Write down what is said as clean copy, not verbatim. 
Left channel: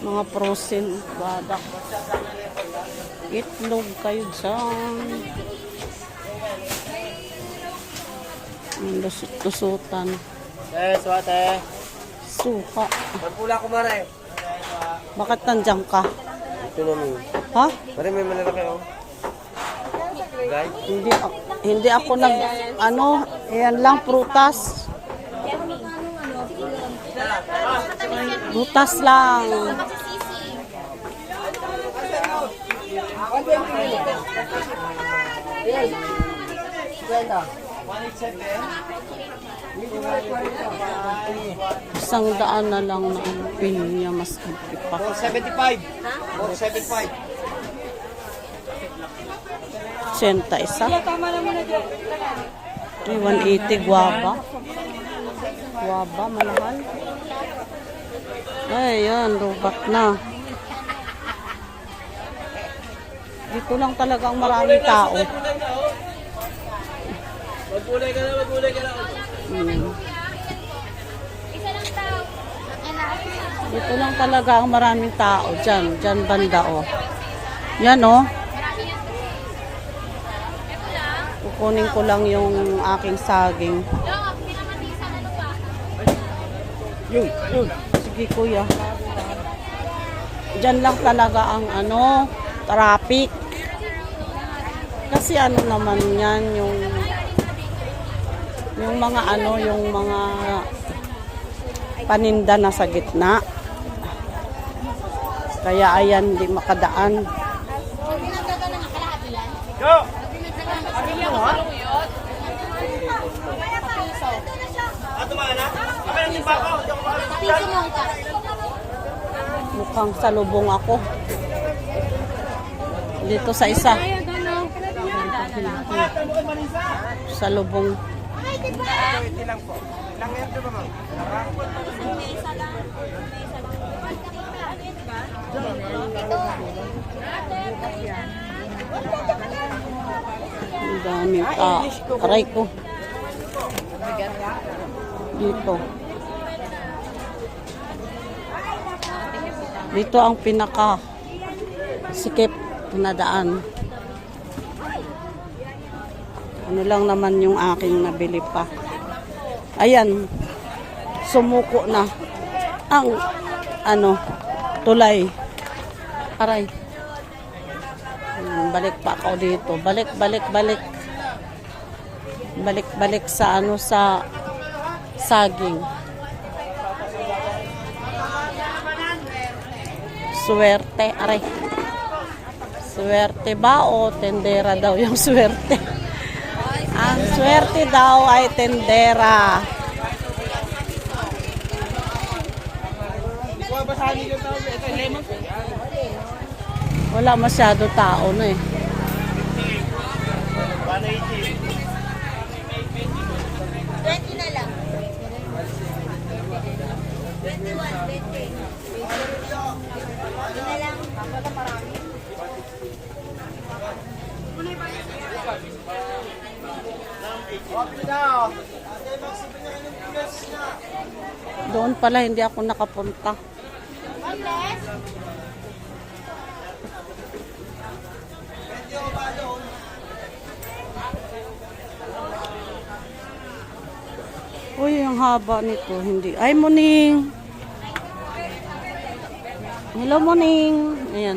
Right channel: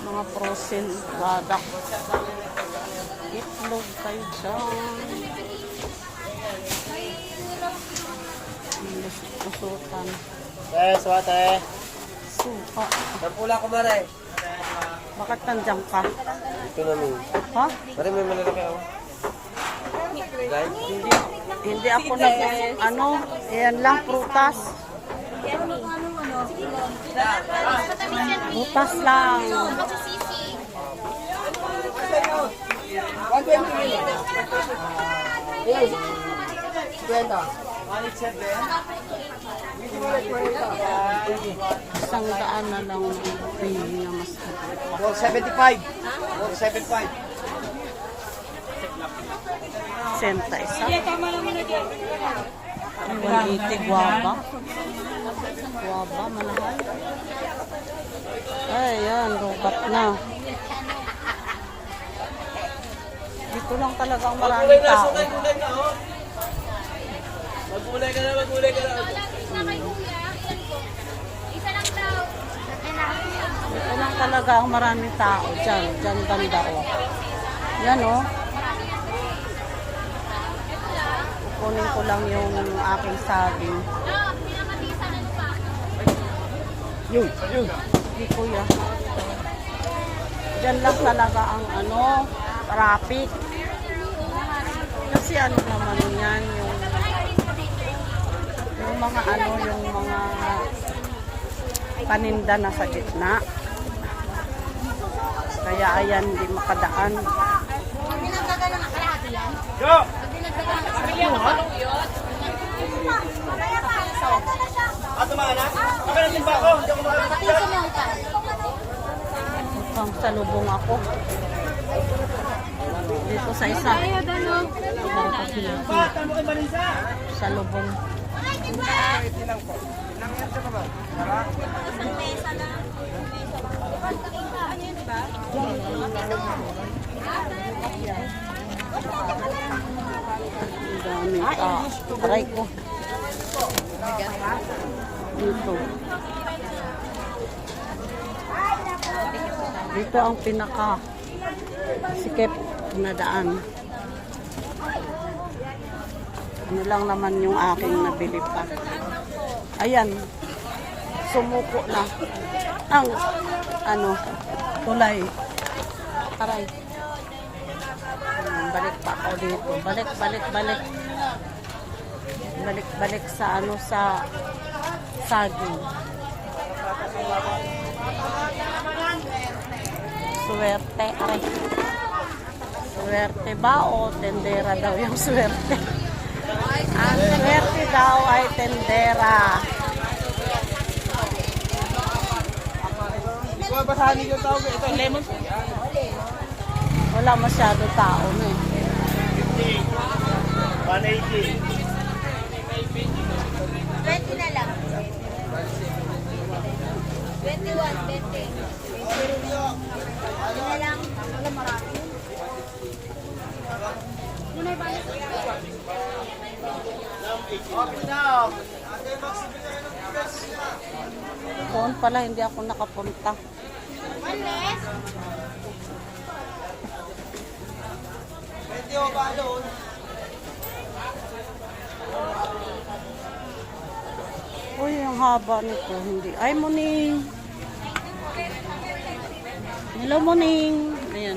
Mga frozen product. Itlog kayo dyan. Lusutan. Swate. Suka. Nampula ko mare. Bakit nandiyan ka? Ito namin. Ha? Mare, may malala kayo. Guys? Hindi ako nag, ayan lang, prutas. Prutas lang. 100 na lang na pinya mas kapit pa. 475. 475. 80 isa. Ay, 180 guava. Guava, malahal. Ay, yan, rubat na. Dito lang talagang maraming tao. Magulay ka na, magulay ka na. Dito lang talaga ang maraming tao. Diyan banda o. Yan o. Kukunin ko lang yung aking saging. Yun. Sige kuya. Diyan lang talaga ang traffic. Kasi naman yan yung mga yung mga paninda na sa gitna. Kaya ayan, hindi makadaan. Go! Mukhang salubong ako. Dito sa isa. Salubong. Ang daming aray ko. Dito. Dito ang pinaka sikip na daan. Ano lang naman yung aking nabili pa. Ayan. Sumuko na ang tulay. Aray. Balik pa ako dito. Balik. Balik sa sa saging. Swerte, aray. Swerte ba o tendera daw yung swerte? Ang swerte daw ay tendera. Wala masyado tao na eh. 180. 20 na lang. 21, 20. Ano na lang? Wala marami. Doon pala hindi ako nakapunta. Uy, ang haba nito. Hindi. Ay, Muning. Hello, Muning. Ayan.